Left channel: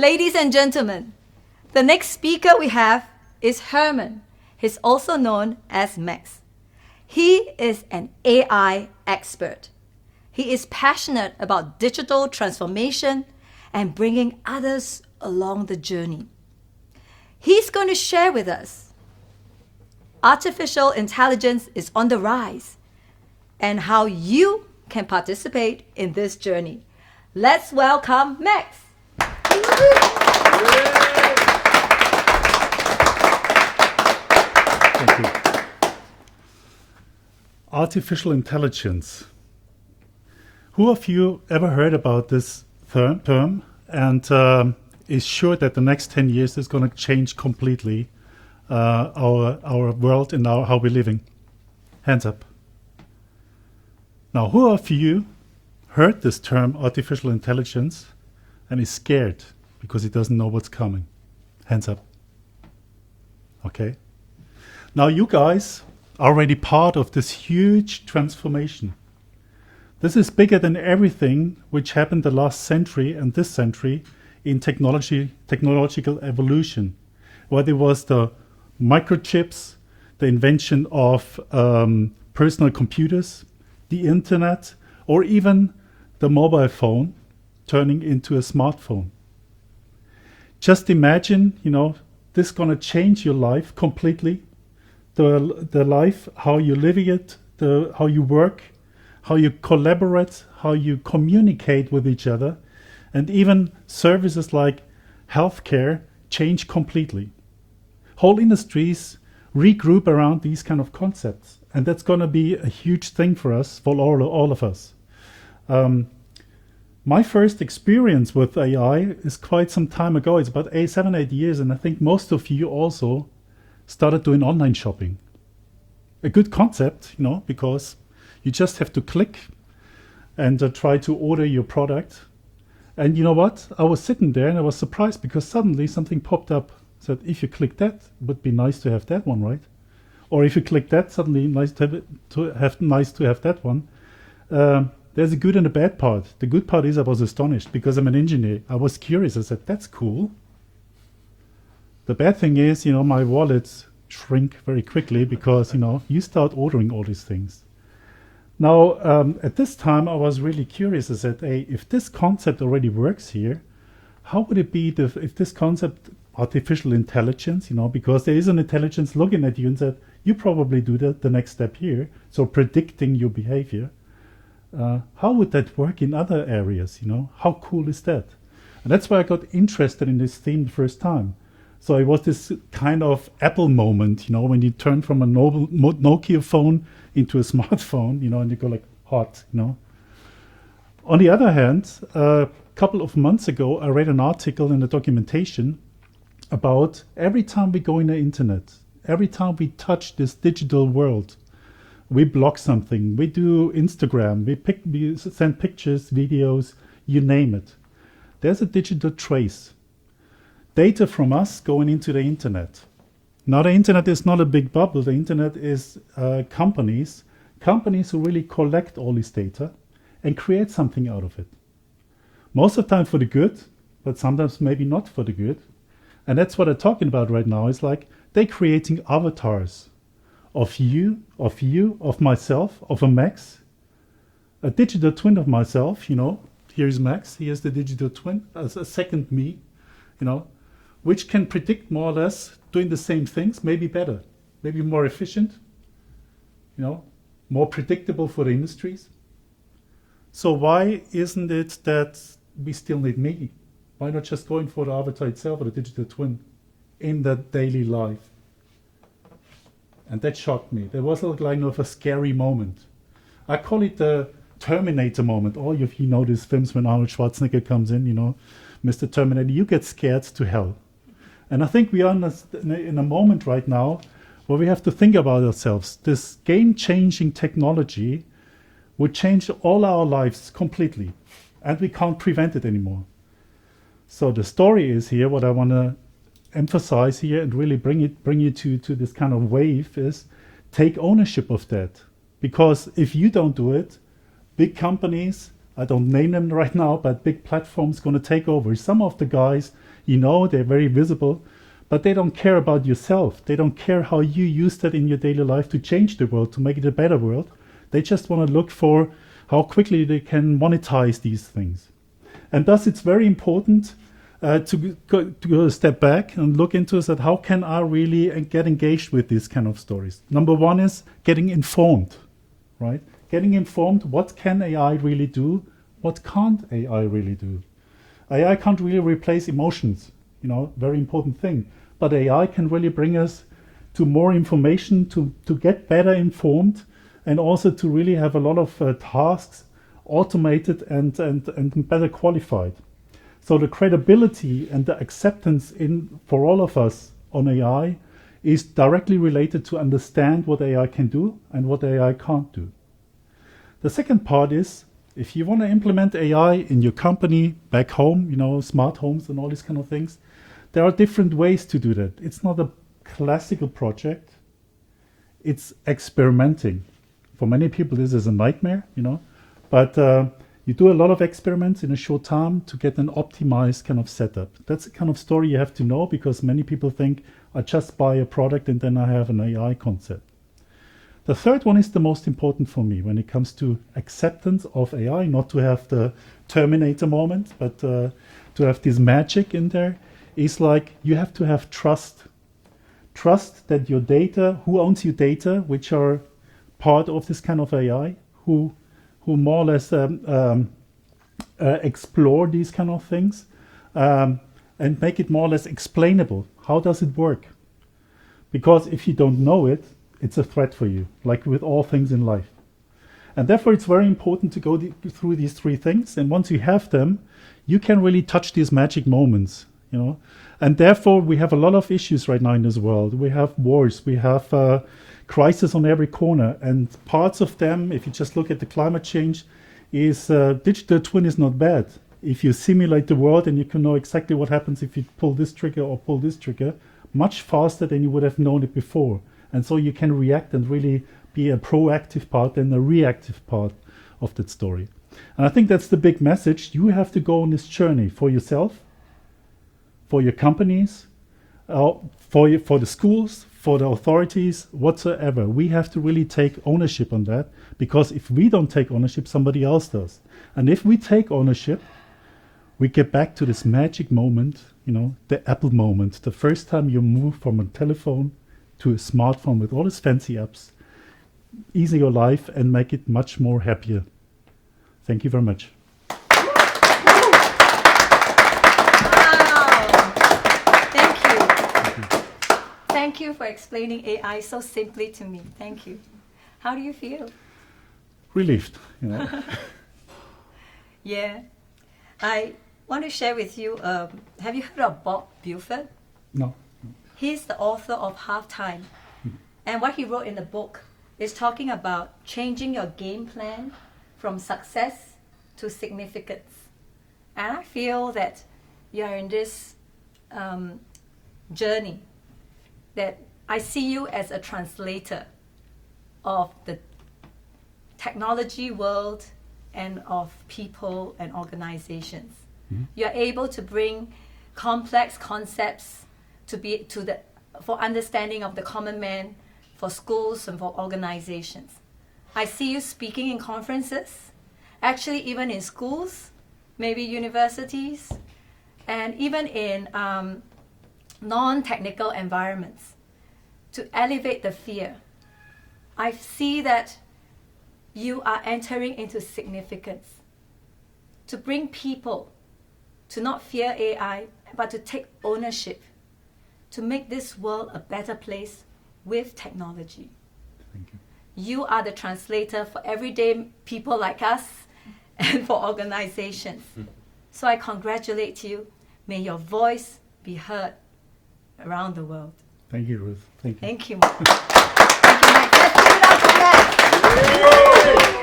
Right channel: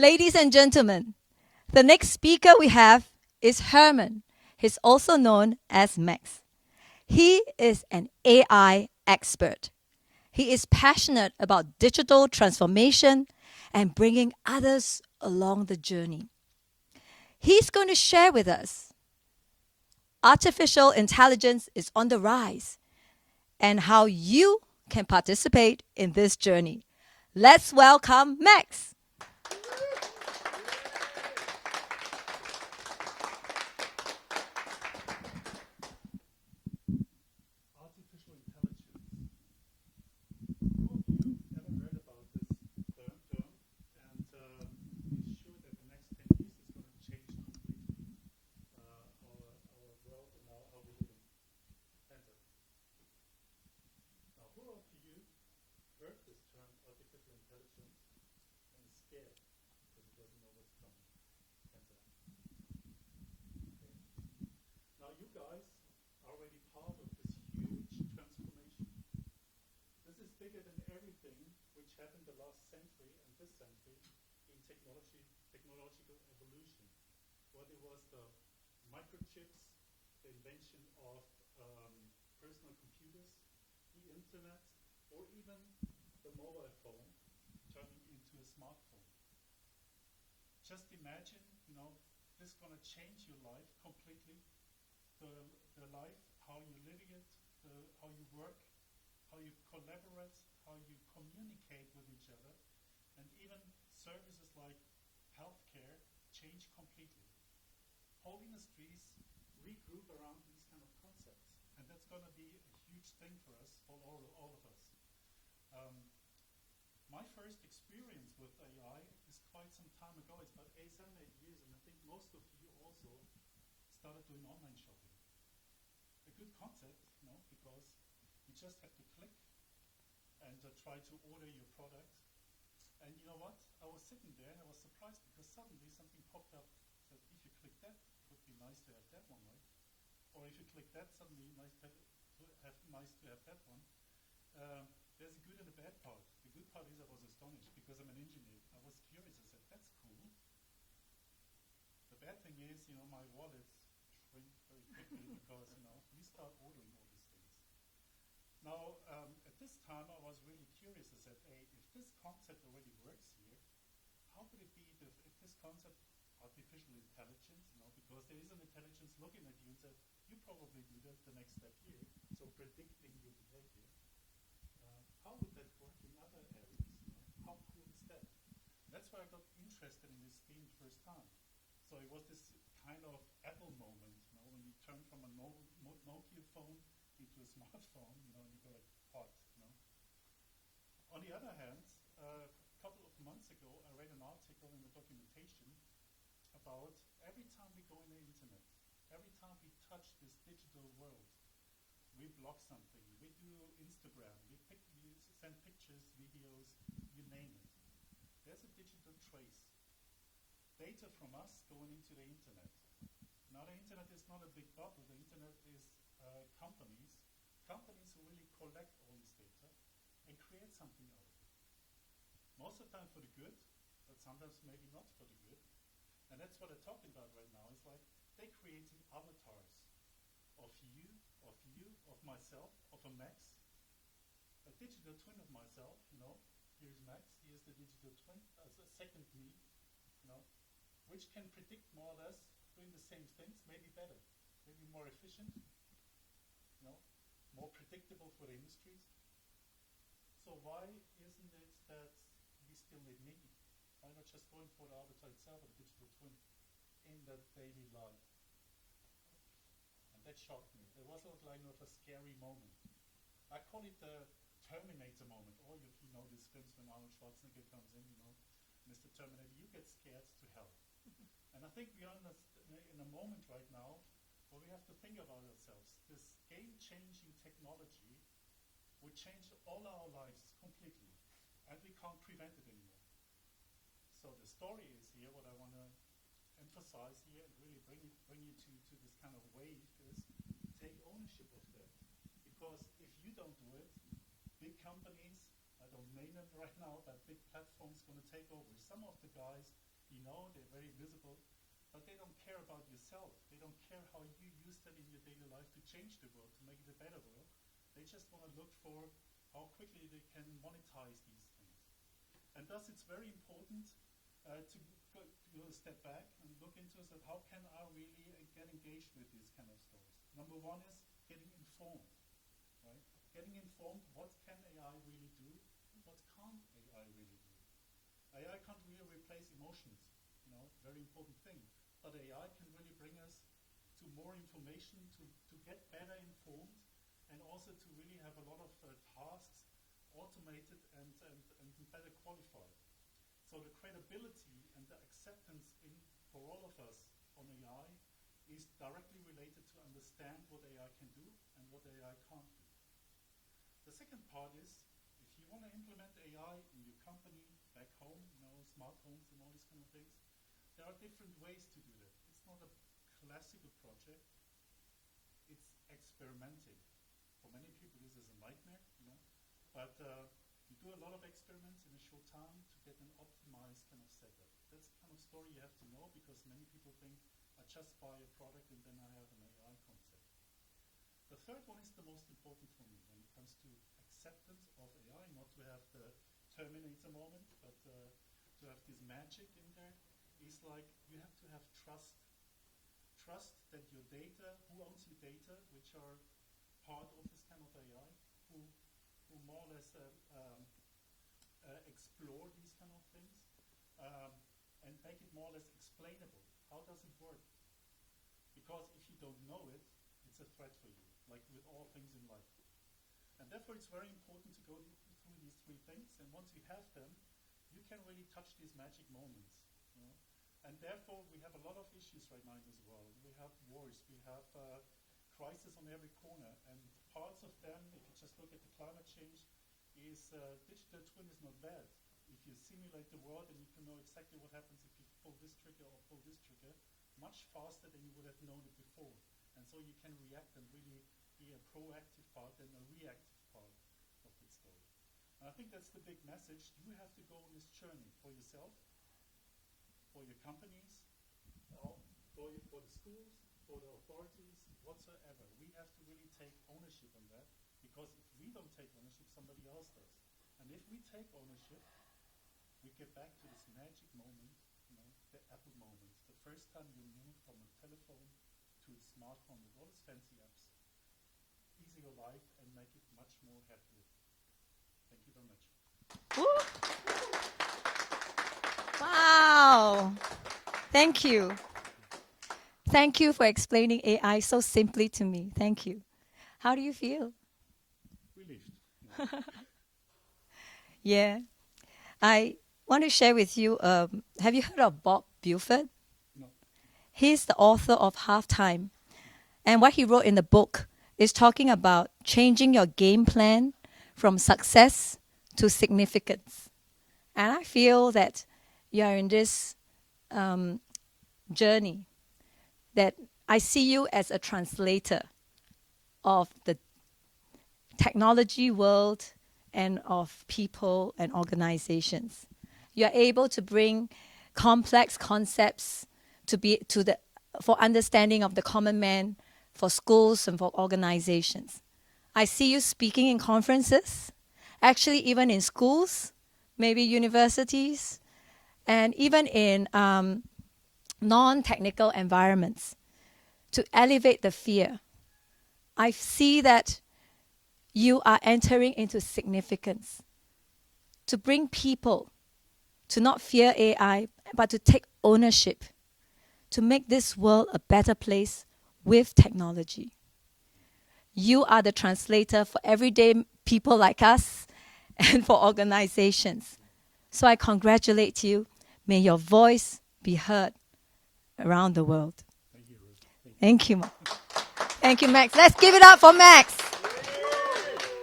Ladies and gentlemen, the next speaker we have is Hermann. He's also known as Mexx. He is an AI expert. He is passionate about digital transformation and bringing others along the journey. He's going to share with us artificial intelligence is on the rise and how you can participate in this journey. Let's welcome Mexx. Thank you. Artificial intelligence. Who of you ever heard about this term and is sure that the next 10 years is going to change completely our world and how we're living? Hands up. Now, who of you heard this term artificial intelligence and is scared because he doesn't know what's coming? Hands up. Okay. Now you guys are already part of this huge transformation. This is bigger than everything which happened the last century and this century in technological evolution. Whether it was the microchips, the invention of personal computers, the internet, or even the mobile phone turning into a smartphone. Just imagine, this is going to change your life completely. The life, how you're living it, how you work, how you collaborate, how you communicate with each other, and even services like healthcare change completely. Whole industries regroup around these kind of concepts, and that's going to be a huge thing for us, for all of us. My first experience with AI is quite some time ago. It's about 7-8 years, and I think most of you also started doing online shopping. A good concept, because you just have to click and try to order your product. And you know what? I was sitting there and I was surprised because suddenly something popped up. Said, if you click that, it would be nice to have that one, right? Or if you click that, suddenly nice to have that one. There's a good and a bad part. The good part is I was astonished because I'm an engineer. I was curious. I said, that's cool. The bad thing is, my wallets shrink very quickly because, you start ordering all these things. Now, at this time, I was really curious. I said, hey, if this concept already works here, how would it be if this concept, artificial intelligence, because there is an intelligence looking at you and said, you probably do the next step here, so predicting your behavior. How would that work in other areas, How cool is that? And that's why I got interested in this theme the first time. So it was this kind of Apple moment, when you turn from a Nokia phone into a smartphone, and you go like hot, On the other hand, a couple of months ago, I read an article in the documentation about every time we go in the internet, every time we touch this digital world, we block something, we do Instagram, we send pictures, videos, you name it. There's a digital trace. Data from us going into the internet. Now the internet is not a big bubble. The internet is companies who really collect all this data and create something out of it. Most of the time for the good, but sometimes maybe not for the good. And that's what I'm talking about right now. It's like they're creating avatars of you, of myself, of a Mexx, a digital twin of myself, Here's Mexx, here's the digital twin, as a second me, which can predict more or less doing the same things, maybe better, maybe more efficient, more predictable for the industries. So why isn't it that we still need me? Why not just going for the avatar itself or the digital twin in that daily life? And that shocked me. There was like a scary moment. I call it the Terminator moment. All of you know these films when Arnold Schwarzenegger comes in, Mr. Terminator, you get scared to hell. And I think we are in a moment right now where we have to think about ourselves. This game-changing technology would change all our lives completely, and we can't prevent it anymore. So the story is here, what I want to emphasize here and really bring you to this kind of wave is take ownership of that. Because if you don't do it, big companies, I don't name them right now, but big platforms going to take over. Some of the guys You know, they're very visible, but they don't care about yourself. They don't care how you use that in your daily life to change the world, to make it a better world. They just want to look for how quickly they can monetize these things. And thus it's very important to go a step back and look into that, how can I really get engaged with these kind of stories? Number one is getting informed, right? Getting informed, what can AI really do? What can't AI really do? AI can't really replace emotions, very important thing. But AI can really bring us to more information, to get better informed, and also to really have a lot of tasks automated and better qualified. So the credibility and the acceptance for all of us on AI is directly related to understand what AI can do and what AI can't do. The second part is, if you want to implement AI in your company, back home, smart homes and all these kind of things, there are different ways to do that. It's not a classical project. It's experimenting. For many people, this is a nightmare, but you do a lot of experiments in a short time to get an optimized kind of setup. That's the kind of story you have to know, because many people think, I just buy a product and then I have an AI concept. The third one is the most important for me when it comes to acceptance of AI, not to have the Terminator moment, but to have this magic in there, is like you have to have trust. Trust that your data, who owns your data, which are part of this kind of AI, who more or less explore these kind of things and make it more or less explainable. How does it work? Because if you don't know it, it's a threat for you, like with all things in life. And therefore, it's very important to go through these three things. And once you have them, you can really touch these magic moments, And therefore, we have a lot of issues right now in this world. We have wars, we have crisis on every corner, and parts of them, if you just look at the climate change, is digital twin is not bad. If you simulate the world and you can know exactly what happens if you pull this trigger or pull this trigger, much faster than you would have known it before. And so you can react and really be a proactive part and a reactive part of that story. And I think that's the big message. You have to go on this journey for yourself, for your companies, for the schools, for the authorities, whatsoever. We have to really take ownership on that, because if we don't take ownership, somebody else does. And if we take ownership, we get back to this magic moment, the Apple moment, the first time you move from a telephone to a smartphone with all its fancy apps, ease your life and make it much more happier. Thank you very much. Thank you. Thank you for explaining AI so simply to me. Thank you. How do you feel? Relieved. Yeah. I want to share with you, have you heard of Bob Buford? No. He's the author of Halftime. And what he wrote in the book is talking about changing your game plan from success to significance. And I feel that you're in this journey, that I see you as a translator of the technology world and of people and organizations. Mm-hmm. You're able to bring complex concepts for understanding of the common man, for schools and for organizations. I see you speaking in conferences, actually even in schools, maybe universities, and even in non-technical environments, to elevate the fear. I see that you are entering into significance, to bring people to not fear AI, but to take ownership, to make this world a better place with technology. Thank you. You are the translator for everyday people like us and for organizations. So I congratulate you. May your voice be heard around the world. Thank you, Ruth. Thank you. Thank you, Mexx. Thank you, Mexx. Let's give it up for Mexx.